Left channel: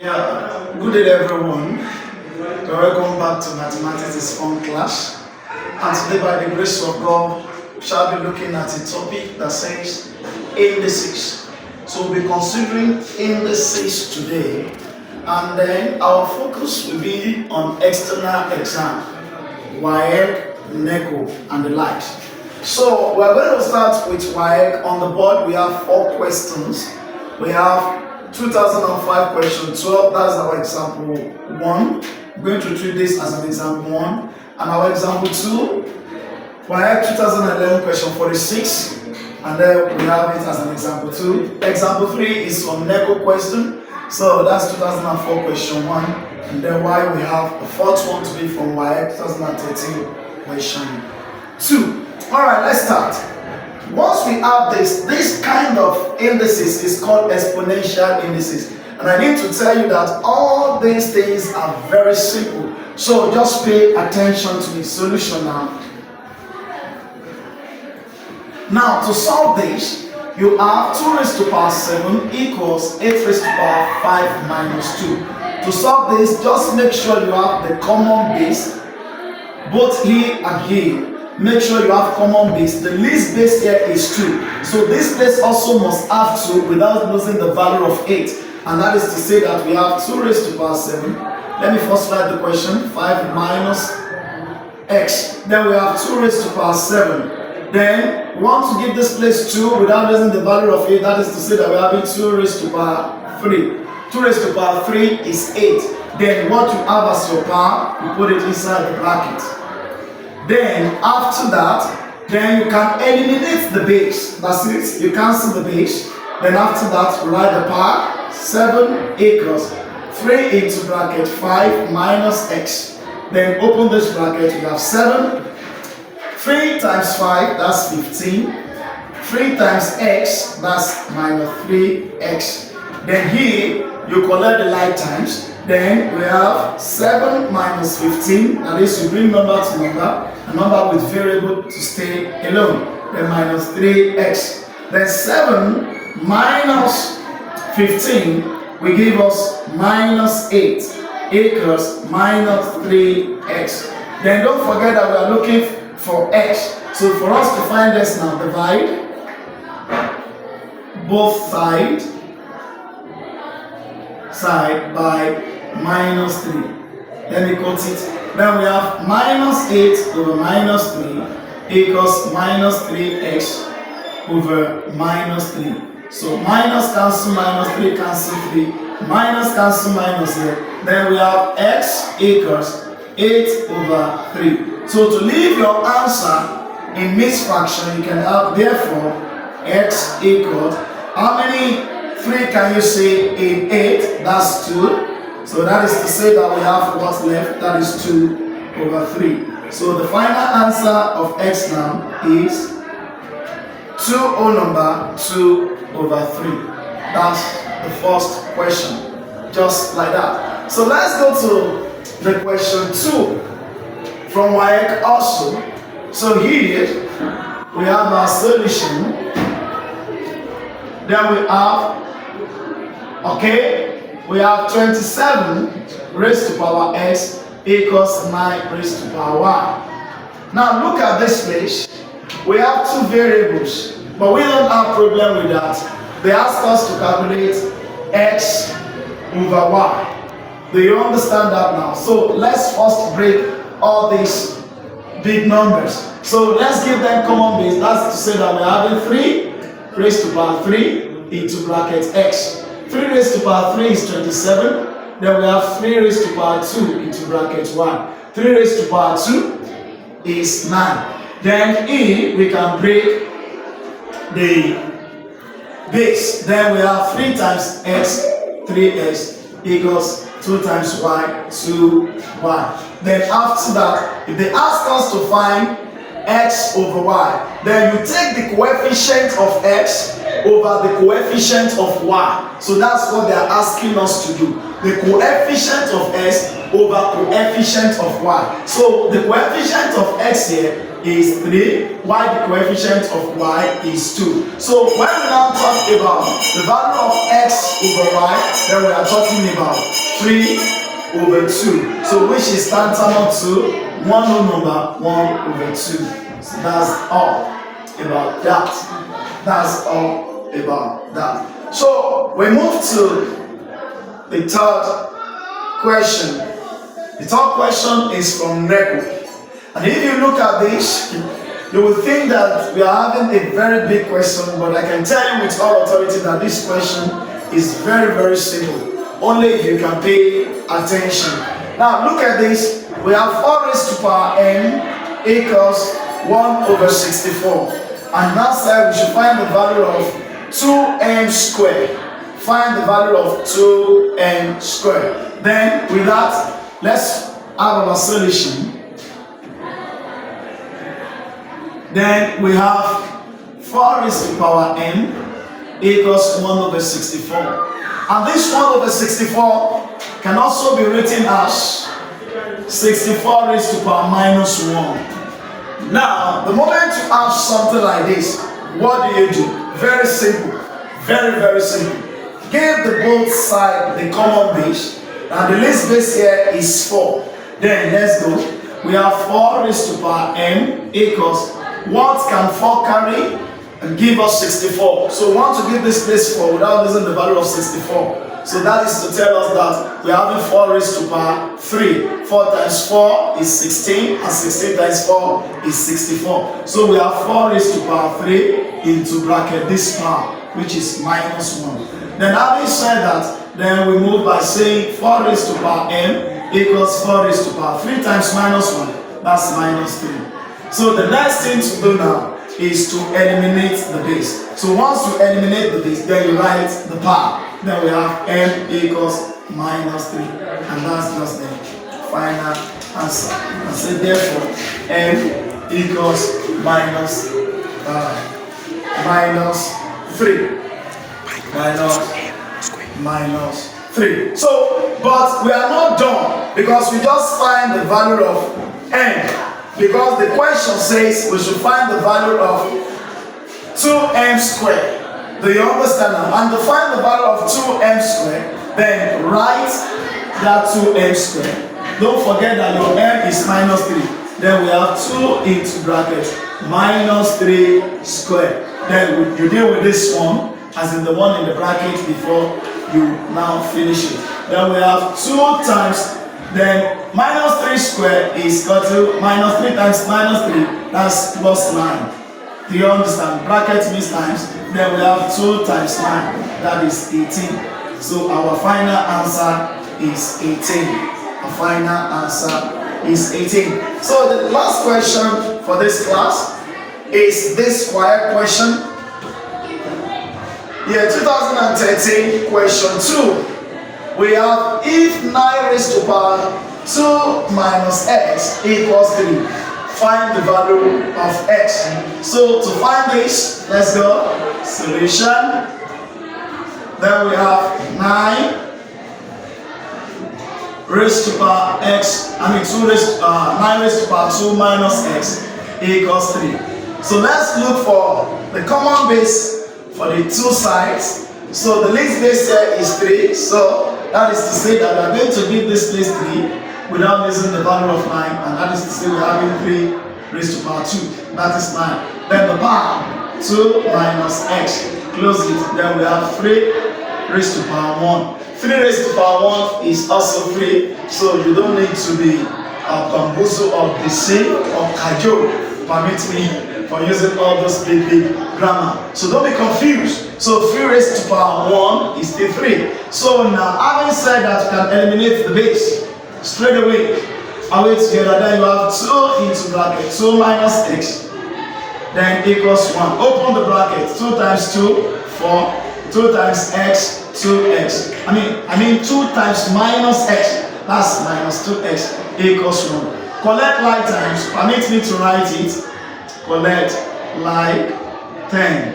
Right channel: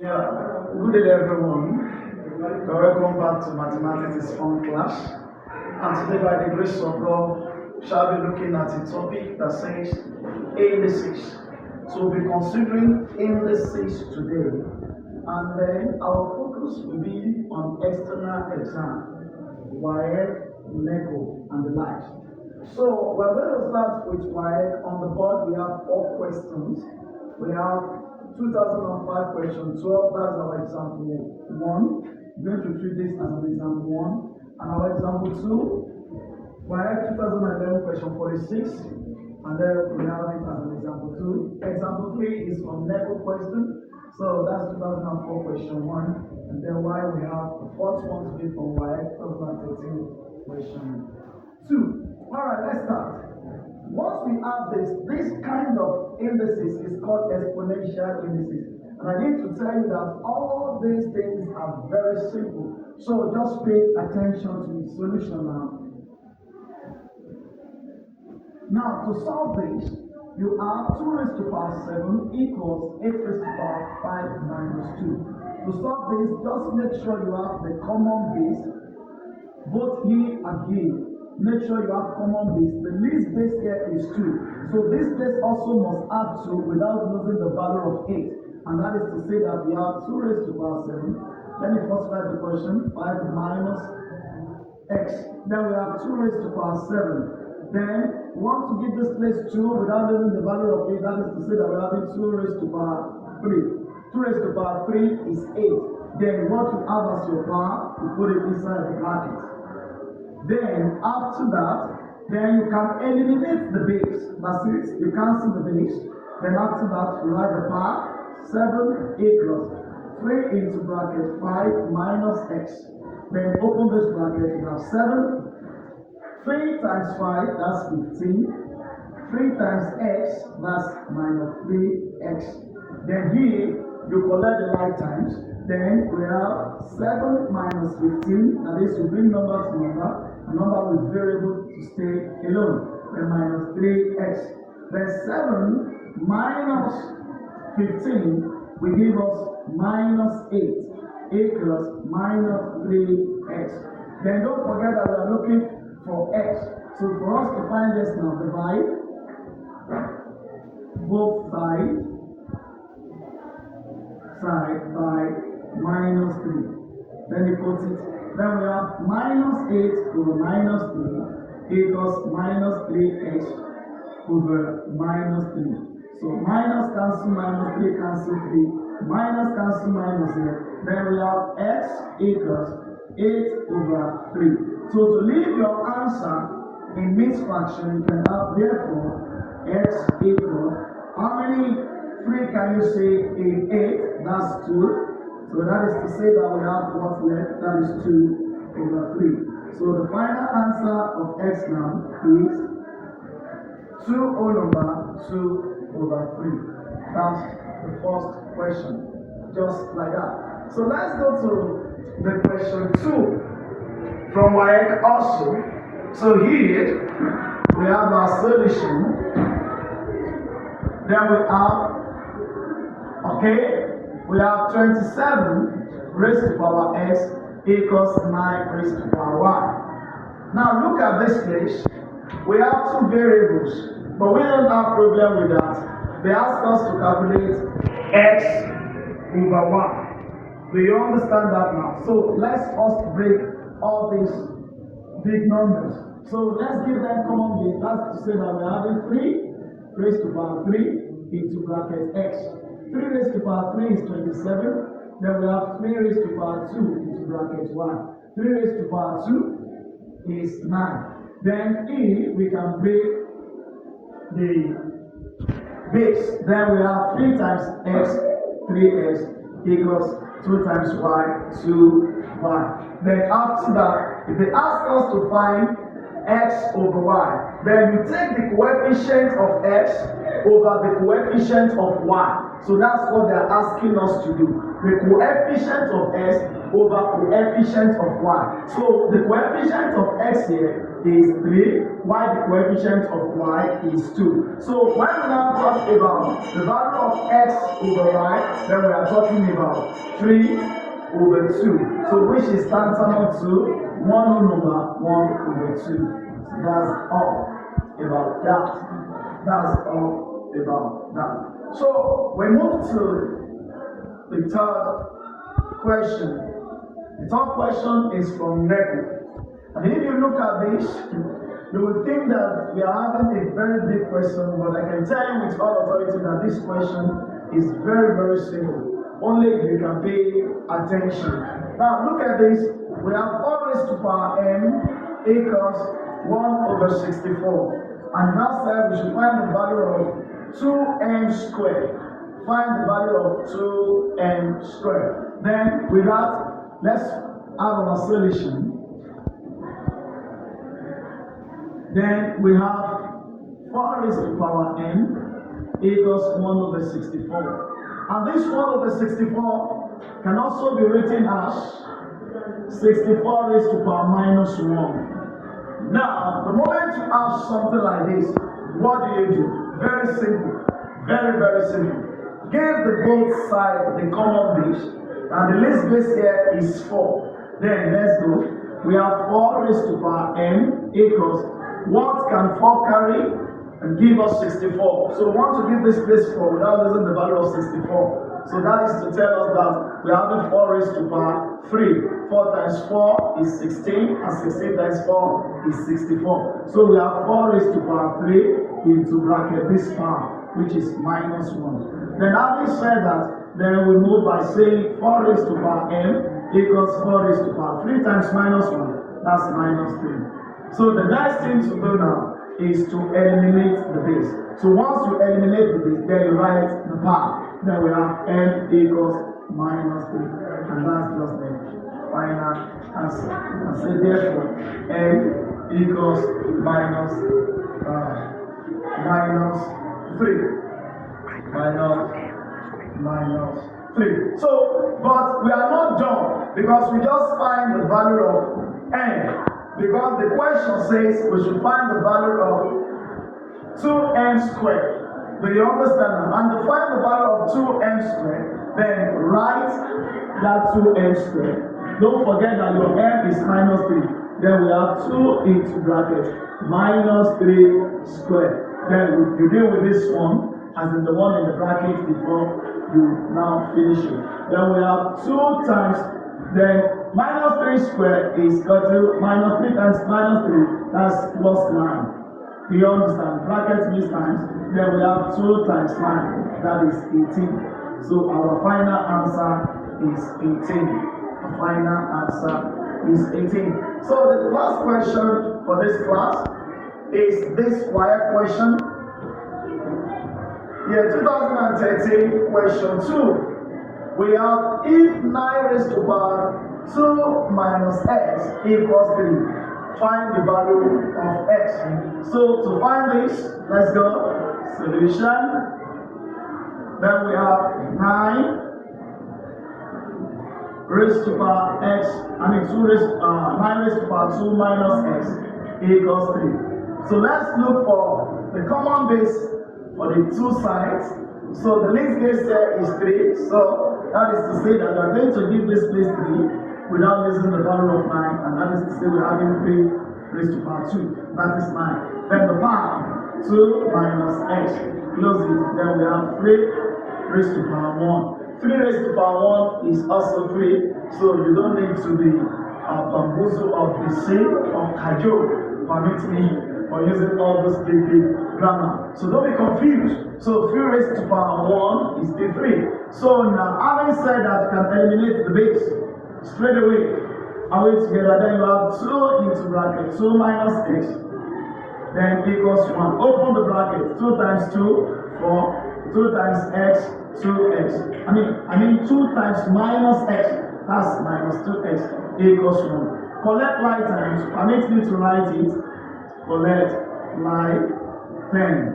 Yeah, good day everyone. Welcome back to Mathematics is Fun class. And today, by the grace of God, we shall be looking at a topic that says indices. So we'll be considering indices today, and then our focus will be on external exam, WAEC, NECO, and the likes. So we're going to start with WAEC. On the board, we have 4 questions. We have 2005 question 12, that's our example 1. We're going to treat this as an example 1. And our example 2, we have 2011 question 46, and then we have it as an example 2. Example 3 is from NECO question, so that's 2004 question 1. And then why we have the fourth one to be from WAEC 2013 question 2. Alright, let's start. Once we have this kind of indices is called exponential indices. And I need to tell you that all these things are very simple. So just pay attention to the solution now. Now to solve this, you have 2 raised to the power 7 equals 8 raised to the power 5 minus 2. To solve this, just make sure you have the common base, both here and here. Make sure you have common base. The least base here is 2. So this base also must have 2 without losing the value of 8. And that is to say that we have 2 raised to the power 7. Let me first write the question. 5 minus x. Then we have 2 raised to the power 7. Then we want to give this place 2 without losing the value of 8. That is to say that we are having 2 raised to the power 3. 2 raised to the power 3 is 8. Then what you have as your power, you put it inside the bracket. Then after that, then you can eliminate the base. That's it. You cancel the base. Then after that, write the power. 7 equals 3 into bracket 5 minus x. Then open this bracket. You have 7. 3 times 5, that's 15. 3 times x, that's minus 3x. Then here, you collect the like times. Then we have 7 minus 15. That is, you bring number to number. A number with variable to stay alone. Then minus 3x. Then 7 minus 15 will give us minus 8 equals minus 3x. Then don't forget that we are looking for x. So for us to find this now, divide both sides by minus 3. Let me quote it. Then we have minus 8 over minus 3 equals minus 3x over minus 3. So minus cancel minus 3 cancel 3. Minus cancel minus here. Then we have x equals 8 over 3. So to leave your answer in mixed fraction, you can have therefore x equals, how many 3 can you say in 8? That's 2. So that is to say that we have what's left, that is 2 over 3. So the final answer of x now is 2 whole number 2 over 3. That's the first question. Just like that. So let's go to the question 2 from WAEC also. So here we have our solution. Then we have, we have 27 raised to power x equals 9 raised to power y. Now look at this place. We have 2 variables, but we don't have problem with that. They ask us to calculate x over y. Do you understand that now? So let's first break all these big numbers. So let's give them common base. That's to say that we're having 3 raised to power 3 into bracket x. 3 raised to power 3 is 27. Then we have 3 raised to power 2 into bracket 1. 3 raised to power 2 is 9. Then here we can break the base. Then we have 3 times x, 3x equals 2 times y, 2y. Then after that, if they ask us to find x over y, then you take the coefficient of x over the coefficient of y. So that's what they are asking us to do. The coefficient of x over coefficient of y. So the coefficient of x here is 3, while the coefficient of y is 2. So when we now talk about the value of x over y, then we are talking about 3 over 2. So which is tantamount to 1 whole number 1 over 2. So that's all about that. That's all about that. So we move to the third question. The third question is from NECO. And if you look at this, you will think that we are having a very big question, but I can tell you with all authority that this question is very, very simple. Only if you can pay attention. Now look at this. We have 4 raised to power n equals 1 over 64. And that side we should find the value of 2n squared. Find the value of 2n squared. Then with that, let's have our solution. Then we have 4 raised to power n equals 1 over 64. And this 1 over 64 can also be written as 64 raised to power minus 1. Now, the moment you have something like this, what do? Very simple. Very, very simple. Give the both sides the common base. And the least base here is 4. Then let's go. We have 4 raised to power n equals, what can 4 carry? And give us 64. So we want to give this place 4 without losing the value of 64. So that is to tell us that we are having 4 raised to power 3. 4 times 4 is 16, and 16 times 4 is 64. So we have 4 raised to power 3 into bracket this power, which is minus 1. Then having said that, then we move by saying 4 raised to power n equals 4 raised to power 3 times minus 1. That's minus 3. So the next thing to do now is to eliminate the base. So once you eliminate the base, then you write the power. Then we have n equals minus 3. And that's just the final answer. And so therefore, n equals minus 3. Minus 3. So, but we are not done because we just find the value of n. Because the question says we should find the value of 2m squared. Do you understand now? And to find the value of 2m squared, then write that 2m squared. Don't forget that your m is minus 3. Then we have 2 into bracket minus 3 squared. Then you deal with this one, as in the one in the bracket before you now finish it. Then we have 2 times, then minus 3 squared is equal to minus 3 times minus 3, that's plus 9. Do you understand? Bracket means times. Then we have 2 times 9, that is 18. So our final answer is 18. Our final answer is 18. So the last question for this class is this quiet question. Yeah, 2013 question 2. We have if 9 raised to power 2 minus x equals 3. Find the value of x. So to find this, let's go. Solution. Then we have 9 raised to power x, 9 raised to power 2 minus x equals 3. So let's look for the common base for the two sides. So the least base here is 3. So that is to say that we are going to give this place 3 without losing the value of 9. And that is to say we are having 3 raised to power 2. That is 9. Then the power 2 minus x. Close it. Then we have 3 raised to power 1. 3 raised to power 1 is also 3. So you don't need to be bamboozled or deceived or cajoled. Permit me for using all those big grammar. So don't be confused. So 3 raised to power 1 is still 3. So now, having said that, you can eliminate the base straight away. Away together, then you have 2 into bracket 2 minus x, then equals 1. Open the bracket. 2 times 2, 4. 2 times x, 2x. I mean 2 times minus x. That's minus 2x equals 1. Collect like times. Permit me to write it. Collect like 10.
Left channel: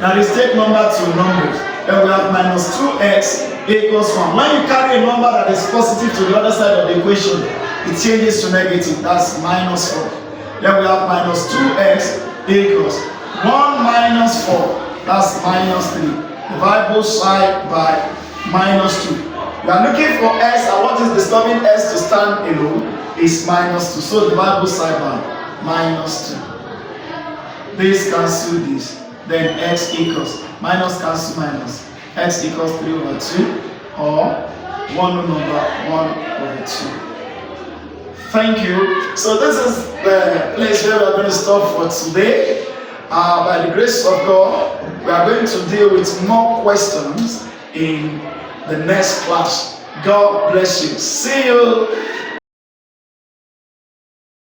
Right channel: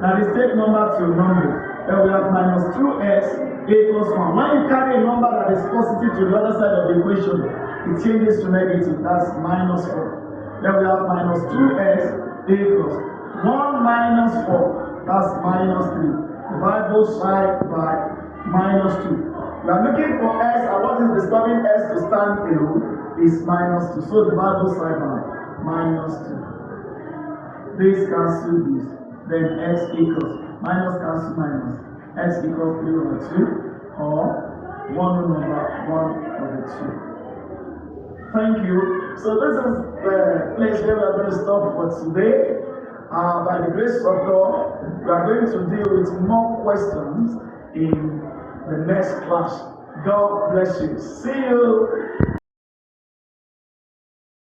Now let's take number to numbers. Then we have minus 2x equals 1. When you carry a number that is positive to the other side of the equation, it changes to negative. That's minus 4. Then we have minus 2x equals 1 minus 4. That's minus 3. Divide both sides by minus 2. You are looking for s, and what is disturbing s to stand alone is minus 2. So divide both sides by minus 2. This cancel this. Then x equals minus cancel minus. X equals 3 over 2 or 1 number 1 over 2. Thank you. So this is the place where we are going to stop for today. By the grace of God, we are going to deal with more questions in the next class. God bless you. See you